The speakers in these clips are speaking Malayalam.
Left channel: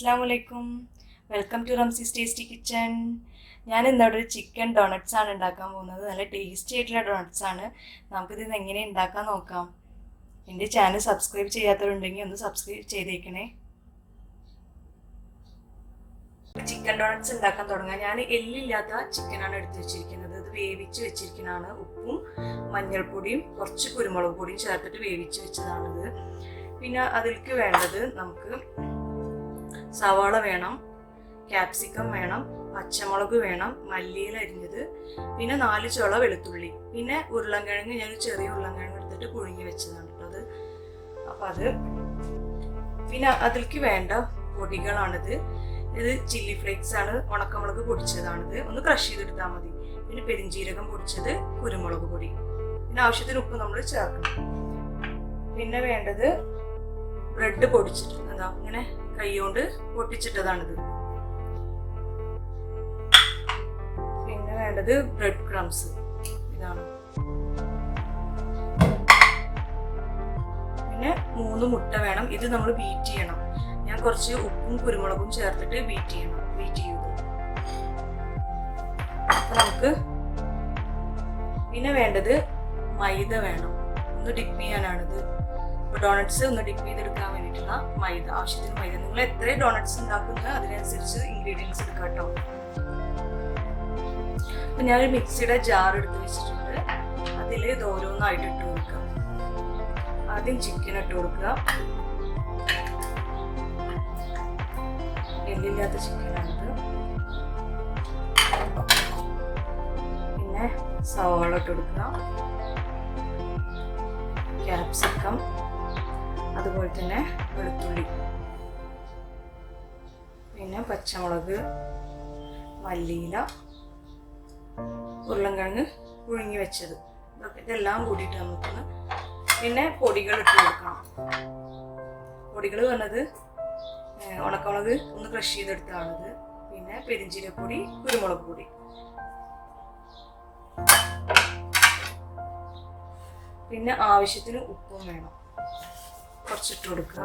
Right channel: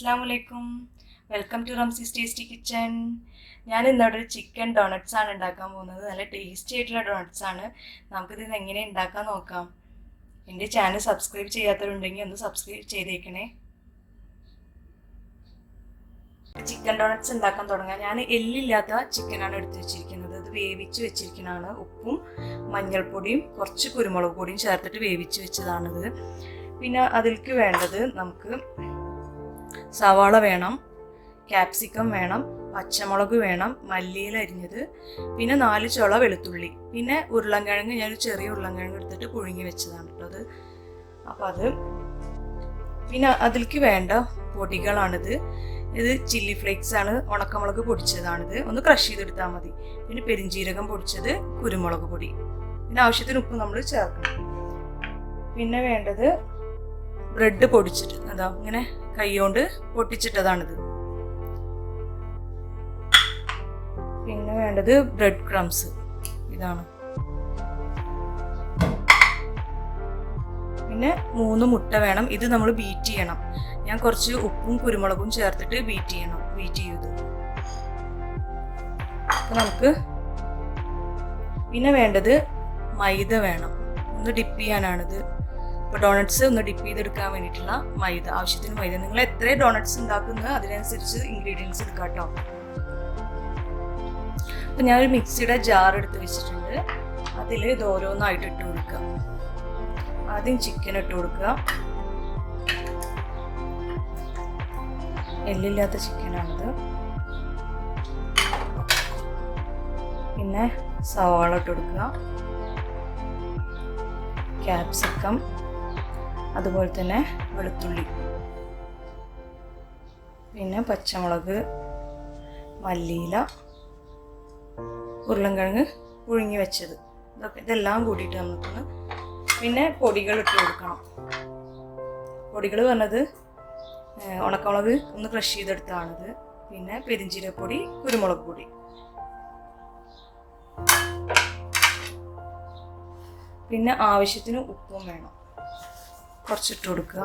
Assalamualaikum. Welcome to Ramsi'S Tasty Kitchen. ഞാൻ ഇന്നൊരു ചിക്കൻ ഡോണറ്റ്സ് ആണ് ഉണ്ടാക്കാൻ പോകുന്നത്. നല്ല ടേസ്റ്റി ആയിട്ടുള്ള ഡോണറ്റ്സ് ആണ്. നമുക്കിത് എങ്ങനെ ഉണ്ടാക്കാൻ നോക്കാം. എൻ്റെ ചാനൽ സബ്സ്ക്രൈബ് ചെയ്യാത്തവരുണ്ടെങ്കിൽ ഒന്ന് സബ്സ്ക്രൈബ് ചെയ്തേക്കണേ. ചിക്കൻ ഡോണറ്റ്സ് ഉണ്ടാക്കാൻ തുടങ്ങാം. ഞാൻ എല്ലില്ലാത്ത ചിക്കനാണ് എടുത്ത് വെച്ചിരിക്കുന്നത്. അത് വേവിച്ച് വെച്ചിരിക്കുന്നതാണ്. ഉപ്പും മഞ്ഞൾപ്പൊടിയും കുറച്ച് കുരുമുളക് പൊടിയും ചേർത്തിട്ട് വേവിച്ച് വെച്ചതാണിത്. പിന്നെ അതിലേക്ക് വേണ്ടത് നമുക്ക് സവാള വേണം, ക്യാപ്സിക്കം വേണം, പച്ചമുളക് വേണം, മല്ലിയില അരിഞ്ഞത്, പിന്നെ 4 ചുള വെളുത്തുള്ളി, പിന്നെ ഉരുളൻകിഴങ്ങ്. ഞാൻ ചെറിയ ഉരുളൻകിഴങ്ങ് എടുത്തിട്ട് പുഴുങ്ങി വെച്ചതാണ് കേട്ടത്. അപ്പോൾ അത് പിന്നെ അതിലേക്ക് വേണ്ട പൊടികളാണിത്. ഇത് ചില്ലി ഫ്ലേക്സ് ആണ്, ഉണക്കമുളക് പൊടിച്ചതാണിത്. ഒന്ന് ക്രഷ് ചെയ്തെടുത്താൽ മതി. പിന്നെ പെരിഞ്ജീരകം പൊടിച്ചത്, കുരുമുളക് പൊടി, പിന്നെ ആവശ്യത്തിന് ഉപ്പ് നമ്മൾ ചേർക്കണം. പിന്നെ വേണ്ടത് ബ്രെഡ് പൊടിച്ചിട്ട് അതാ ഇങ്ങനെ കൈകൊണ്ട് പൊട്ടിച്ചിട്ടതാണിത്. പിന്നെ വേണ്ടത് ബ്രെഡ് ക്രംസ്, ഇതാണ്. പിന്നെ 3 മുട്ട വേണം. ഇത് നമ്മൾ ബീറ്റ് ചെയ്യണം. ഞാൻ കുറച്ച് ഉപ്പും കുരുമുളകും ചേർത്തിട്ട് ബീറ്റ് ചെയ്തു. അപ്പോൾ നമുക്ക് പിന്നെ വേണ്ടത് മൈദ വേണം. ഒന്ന് ഡിപ്പ് ചെയ്യാനാണിത്. ഇപ്പോൾ ഡോണറ്റ്സ് ഒന്ന് ഡിപ്പ് ചെയ്തെടുക്കാൻ വേണ്ടിയിട്ടുള്ള മൈദ, ആവശ്യത്തിന് മൈദ. നിങ്ങൾ എത്ര ഡോണറ്റ്സ് ഉണ്ടാക്കുന്നത് അതിനനുസരിച്ച് ഇൻഗ്രീഡിയൻസ് എടുക്കാം കേട്ടോ. അപ്പം ഞാനൊരു മിക്സിയുടെ ജാർ എടുത്ത് വെച്ചിട്ടുണ്ട്. അതിൽ ഇത് ഓരോന്നായിട്ട് ഇട്ട് കൊടുക്കുക. ആദ്യം ചിക്കൻ ഇട്ട് കൊടുക്കുക. എല്ലില്ലാത്ത ചിക്കനാണിത്. പിന്നെ സവാള ഇട്ട് കൊടുക്കുക, ക്യാപ്സിക്കം, അതുപോലെ തന്നെ വെളുത്തുള്ളി, പിന്നെ പച്ചമുളക്, മല്ലിയില, ഉരുളൻകിഴങ്ങ് പുഴുങ്ങി വെച്ചത്, ഇതെല്ലാം കൂടിയിട്ട് നമുക്കൊന്ന്. പിന്നെ പൊടികൾ ഇട്ട് കൊടുക്കണം. പൊടികൾ പറഞ്ഞത് ഉണക്കമുളക് ഒന്ന് ക്രഷ് ചെയ്തെടുത്താണിത്. പിന്നെ പെരിഞ്ജീരകപ്പൊടി, കുരുമുളക് പൊടി, പിന്നെ ആവശ്യത്തിന് ഉപ്പും വേണം. കുറച്ചിട്ട് കൊടുക്കുക.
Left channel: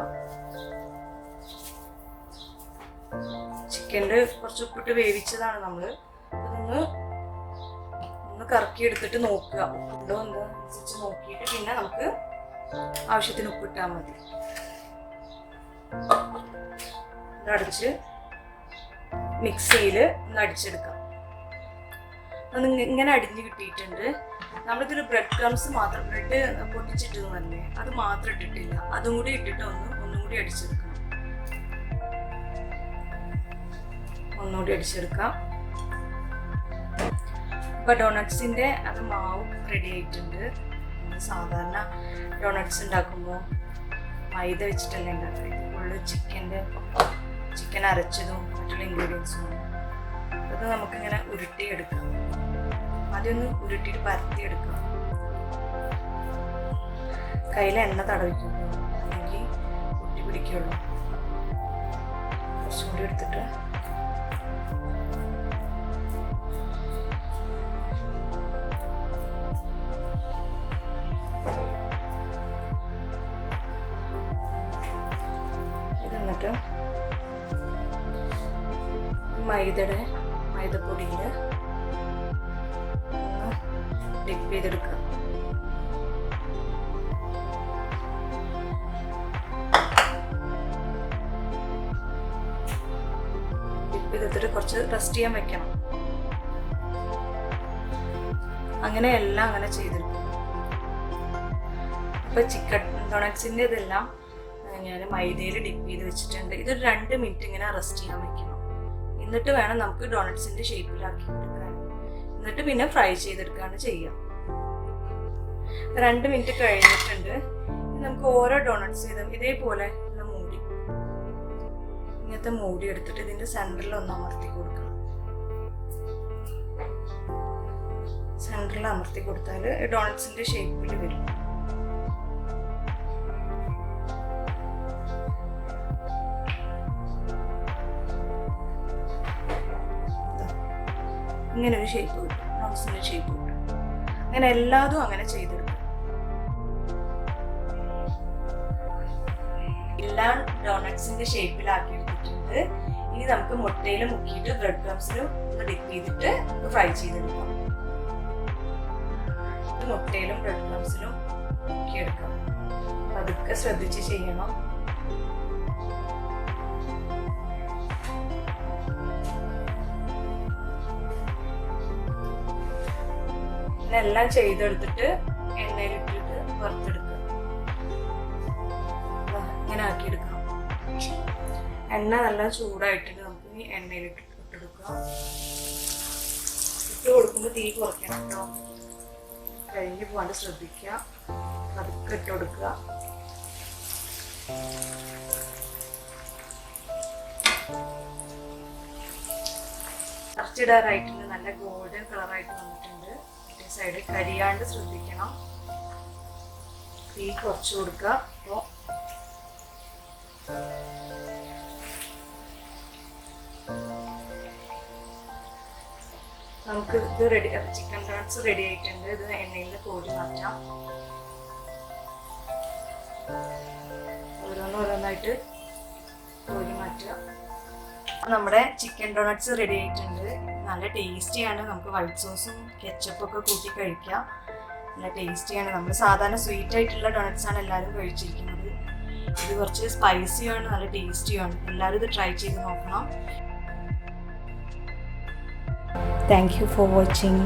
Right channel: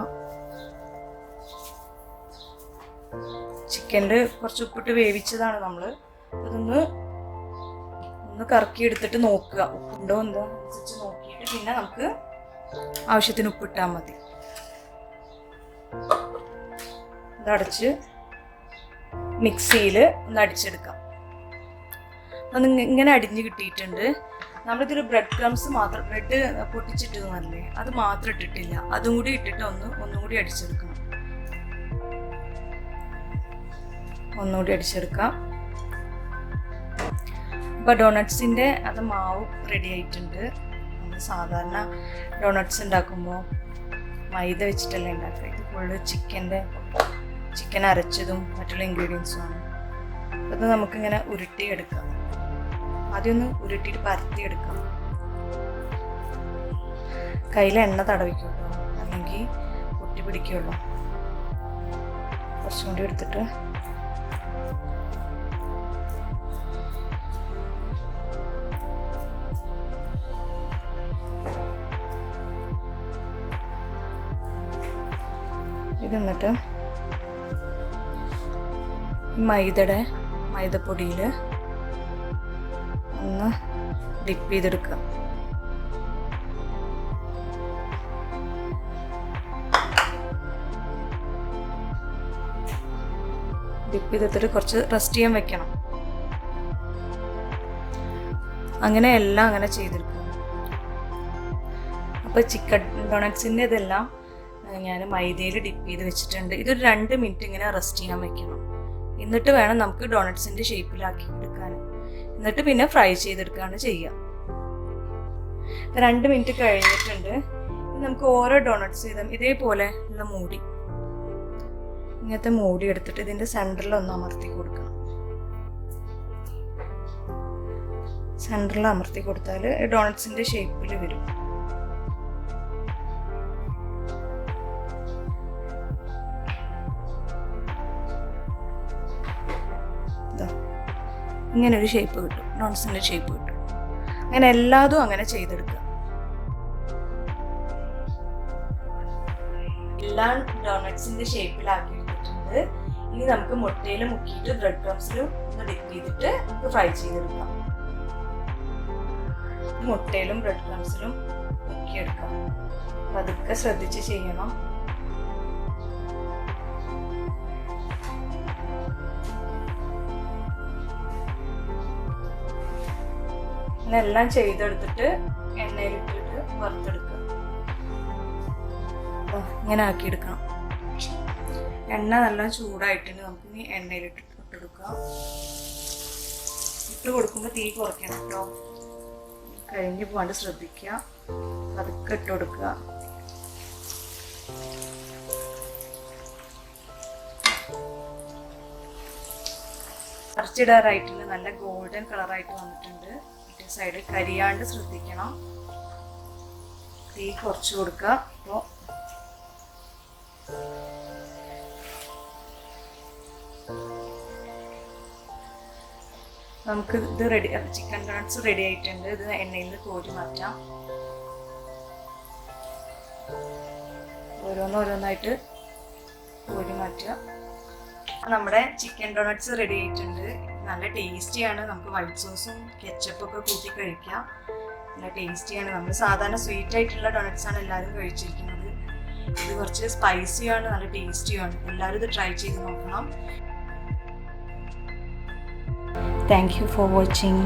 ചിക്കൻ്റെ കുറച്ച് ഉപ്പിട്ട് വേവിച്ചതാണ് നമ്മൾ. അതൊന്ന് കറക്കി എടുത്തിട്ട് നോക്കുക, ഉപ്പുണ്ടോ എന്തോ അനുസരിച്ച് നോക്കിയിട്ട് പിന്നെ നമുക്ക് ആവശ്യത്തിന് ഉപ്പിട്ടാൽ മതി. ഇതടച്ച് മിക്സിയിൽ ഒന്ന് അടിച്ചെടുക്കാം. അത് ഇങ്ങനെ അടിഞ്ഞ് കിട്ടിയിട്ടുണ്ട്. നമ്മളിതൊരു ബ്രെഡ് ക്രംസ് മാത്രം, ബ്രെഡ് പൊട്ടിച്ചിട്ടതല്ലേ, അത് മാത്രം ഇട്ടിട്ടില്ല. അതും കൂടി ഇട്ടിട്ട് ഒന്നുകൂടി അടിച്ചെടുക്കണം. ഒന്നുകൂടി അടിച്ചെടുക്കാം. അപ്പോൾ ഡോണറ്റ്സിൻ്റെ അത് മാവ് റെഡി ആയിട്ടുണ്ട്. സാധാരണ ഡോണറ്റ്സ് ഉണ്ടാക്കുമ്പോൾ മൈദ വെച്ചിട്ടല്ല ഉണ്ടാക്കുക. ഇത് ഫുള്ള് ചിക്കൻ അരച്ചതും മറ്റുള്ള ഇൻഗ്രീഡിയൻസുമാണ്. അത് നമുക്കിങ്ങനെ ഉരുട്ടിയെടുക്കാം. ആദ്യം ഒന്ന് ഉരുട്ടിയിട്ട് പരത്തിയെടുക്കാം. കയ്യിൽ എണ്ണ തടവിക്കുള്ളൂ, അല്ലെങ്കിൽ പൊട്ടി പിടിക്കുള്ളൂ. കുറച്ചും കൂടി എടുത്തിട്ട് ഇതെന്നിട്ട് മൈദപ്പൊടിയിൽ ഒന്ന് ഡിപ്പ് ചെയ്തെടുക്കുക. ഡിപ്പ് ചെയ്തെടുത്തിട്ട് കുറച്ച് റെസ്റ്റ് ചെയ്യാൻ വെക്കണം. അങ്ങനെ എല്ലാം അങ്ങനെ ചെയ്തെടുക്കുക. അപ്പോൾ ചിക്കൻ ഡോണറ്റ്സിൻ്റെ ഇതെല്ലാം ഞാൻ മൈദയിൽ ഡിപ്പ് ചെയ്ത് വെച്ചിട്ടുണ്ട്. ഇതൊരു 2 മിനിറ്റ് ഇങ്ങനെ റെസ്റ്റ് ചെയ്യാൻ വെക്കണം. എന്നിട്ട് വേണം നമുക്ക് ഡോണറ്റ്സിൻ്റെ ഷേപ്പിലാക്കി എടുക്കാൻ. എന്നിട്ട് പിന്നെ ഫ്രൈ ചെയ്തെടുക്കുകയാണ് ചെയ്യുക. 2 മിനിറ്റ് കഴിഞ്ഞിട്ടുണ്ട്. നമുക്ക് ഓരോ ഡോണറ്റ്സ് ഇതേപോലെ ഉള്ള മൂടി, ഇങ്ങനത്തെ മൂടി എടുത്തിട്ട് ഇതിൻ്റെ സെൻറ്ററിൽ ഒന്ന് അമർത്തി കൊടുക്കണം. സെൻറ്ററിൽ അമർത്തി കൊടുത്താൽ ഡോണറ്റ്സിൻ്റെ ഷേപ്പിൽ വരും. ഇങ്ങനെ ഒരു ഷേപ്പ് കിട്ടും, ഡോണറ്റ്സിൻ്റെ ഷേപ്പ് കിട്ടും. അങ്ങനെ എല്ലാതും അങ്ങനെ ചെയ്തെടുക്കുക. എല്ലാ ഡോണറ്റ്സിന്റെ ഷേപ്പിലാക്കി എടുത്തിട്ടുണ്ട്. ആയിട്ടുണ്ട്. ഇനി നമുക്ക് മുട്ടയിൽ മുക്കിയിട്ട് ബ്രെഡ് ക്രംസിൽ ഒന്ന് ഡിപ്പ് ചെയ്തിട്ട് നമുക്ക് ഫ്രൈ ചെയ്തെടുക്കാം. മുട്ടയിലും ബ്രെഡ് ക്രംസിലും മുക്കിയെടുക്കാം. അതൊക്കെ ശ്രദ്ധിച്ച് ചെയ്യണം. എല്ലാം ചെയ്തെടുത്തിട്ട് എണ്ണയിലിട്ടിട്ട് വറുത്തെടുക്കുക. ഇങ്ങനെ ആക്കിയെടുക്കണം. എണ്ണ നല്ല ചൂടായിട്ടുണ്ട്. നമുക്ക് ഇനി എണ്ണയിലിട്ടെടുക്കാം. ഇട്ട് കൊടുക്കുമ്പോൾ തീ കുറയ്ക്കണം കേട്ടോ. കഴിഞ്ഞ് പോകാണ്ട് ശ്രദ്ധിക്കുക. അതൊക്കെ ഇട്ട് കൊടുക്കുക. അരച്ചിടാറായിട്ടുണ്ട്. നല്ല ഗോൾഡൻ കളറായിട്ട് വന്നിട്ടുണ്ട്. സൈഡ് കരിയാണ്ട് ശ്രദ്ധിക്കണം. തീ കുറച്ച് കൊടുക്കുക. അപ്പോൾ നമുക്ക് ഇത് റെഡി, ചിക്കൻ ഡോണറ്റ്സ് റെഡി ആയിട്ടുണ്ട്. ഇത് എണ്ണയിൽ നിന്ന് കോരി മാറ്റാം. ഓരോന്നോരോന്നായിട്ട് കോരി മാറ്റുക. നമ്മുടെ ചിക്കൻ ഡോണറ്റ്സ് റെഡി ആയിട്ടുണ്ട്. നല്ല ടേസ്റ്റിയാണ്. നമുക്ക് വൈറ്റ് സോസും കെച്ചപ്പൊക്കെ കൂട്ടി കഴിക്കാം. നല്ല ടേസ്റ്റിയാണ്. നമ്മൾ സാധാരണ സ്വീറ്റ് ആയിട്ടുള്ള ഡോണറ്റ്സ് ആണ് എല്ലാവരും കഴിച്ചിരിക്കുന്നത്. ഇത് കുറച്ച് സ്പൈസിയാണ്, നല്ല ടേസ്റ്റിയാണ്. എല്ലാവരും ഇത് ട്രൈ ചെയ്ത് നോക്കണം. Thank you for watching.